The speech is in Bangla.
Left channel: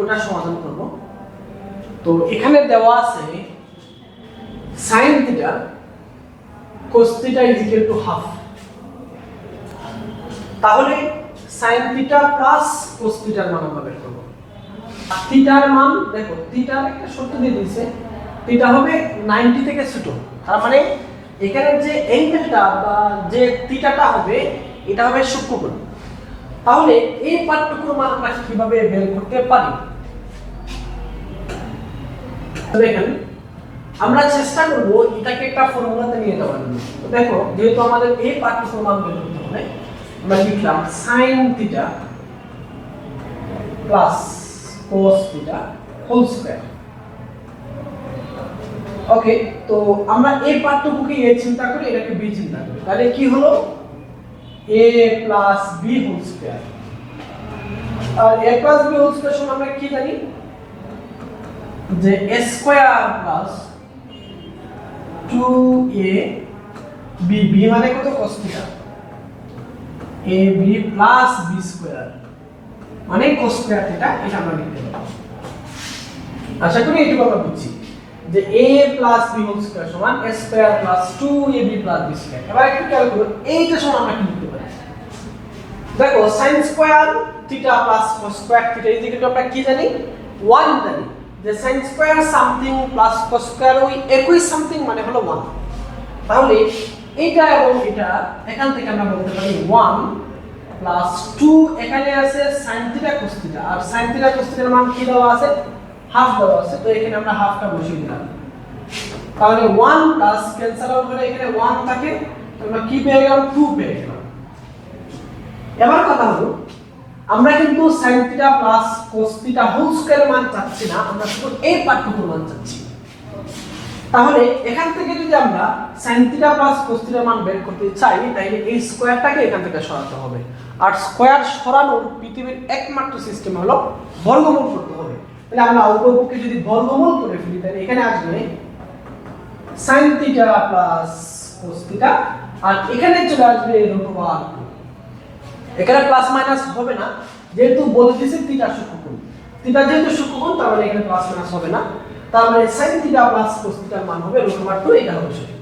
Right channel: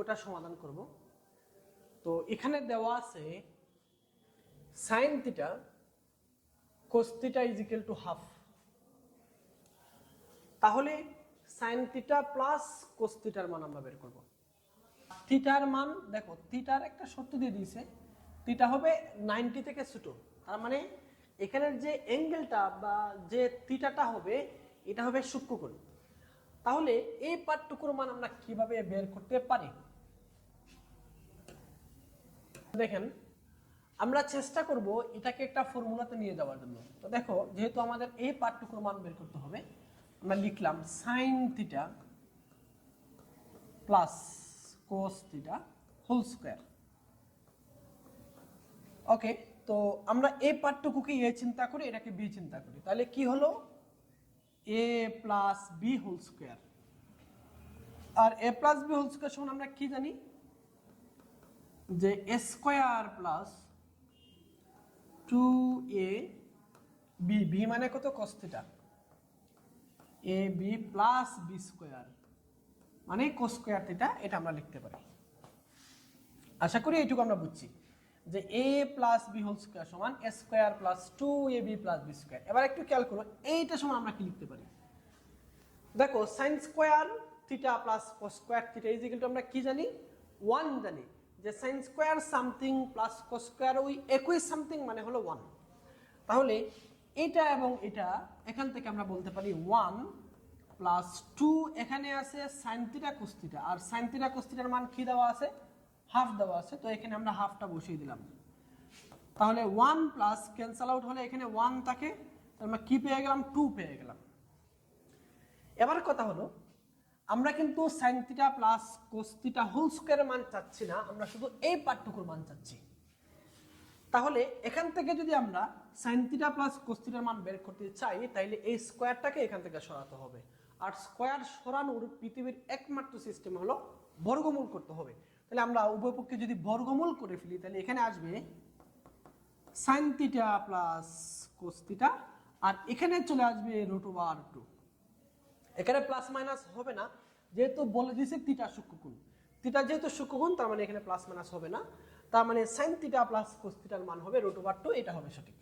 ওটা সমাধান করব। তো এখানে দেওয়া আছে sin থিটা cos থিটা ½ তাহলে sin থিটা প্লাস cos থিটার মান আমরা বের করব। থিটার মান দেখো, থিটার একটা সূত্র দিয়ে দিয়েছে, থিটা হবে 90 থেকে ছোট। তার মানে এখানে যে অ্যাঙ্গেলটা বা যে থিটাটা হবে এটা হবে সূক্ষ্মকোণ। তাহলে এই পার্থক্যের মান আমরা কিভাবে বের করতে পারি? দেখেন, আমরা চেষ্টা করব এটাকে একটা ফর্মুলাতে নিয়ে যাওয়ার জন্য। তো দেখো, যেহেতু আমাদের এই পার্থক্যের মান বের করতে হবে, আমরা লিখলাম sin theta plus cos theta whole square. Okay, তো আমরা এই পার্থক্যকে a চিন্তা করি, এটাকে b চিন্তা করি, তাহলে কি হলো a plus b whole square. আর a plus b whole square সমান আমরা কি জানি যে a square plus 2ab, b মানে কত cos theta, ab plus b square মানে cos স্কয়ার থিটা, এটা আমরা লিখতে পারি। আশা করি এটুকু আমরা বুঝছি যে a plus b whole square সমান a square plus 2ab plus b square. এবার একটু খেয়াল করুন, এইটা সমান আমরা কি লিখতে পারি? দেখো, sin square theta plus cos square theta equal to আমরা কি জানি 1 জানি, যে sin square something plus cos square ওই একই সামথিং মানে হলো 1। তাহলে এটা এবং এটা এখান থেকে আমরা বলতে পারি 1 প্লাস 2, এখানে আছে sin থিটা cos থিটা, আর sin থিটা cos থিটার মান কি দেওয়া আছে, হাফ দেওয়া আছে, তো এখানে আমরা হাফটা বসিয়ে দিলাম। তাহলে 1 প্লাস ক্যান্সেল আউট হলে এখানে 1 থাকে, আমরা কি পেয়ে গেলাম 2 পেয়ে গেলাম। এবার কথা হলো, আমরা কিন্তু sin theta plus cos theta whole square মান চাচ্ছি না, আমরা শুধু এই পার্থক্যের মান চাচ্ছি। তাহলে এখান থেকে যদি আমরা sin থিটা প্লাস cos থিটার মান বের করতে চাই, তাহলে এই স্কয়ারটাকে এখান থেকে সরাতে হবে। আর স্কয়ার সরানোর পৃথিবীর একমাত্র সিস্টেম হলো বর্গমূল করতে হবে। তাহলে আমরা উভয়পক্ষে যদি বর্গমূল করে ফেলি, তাহলে এখানে আসবে sin theta plus cos theta, আর এখানে চলে আসবে √2। এখানে প্লাস মাইনাস হবে না, যেহেতু বলে দিয়েছে থিটা সূক্ষ্মকোণ। থিটা যেহেতু সূক্ষ্মকোণ, তার মানে এখানে প্লাস মাইনাস হবে না। তার মানে sin থিটা প্লাস cos থিটার মান হবে √2, এটা হবে সঠিক।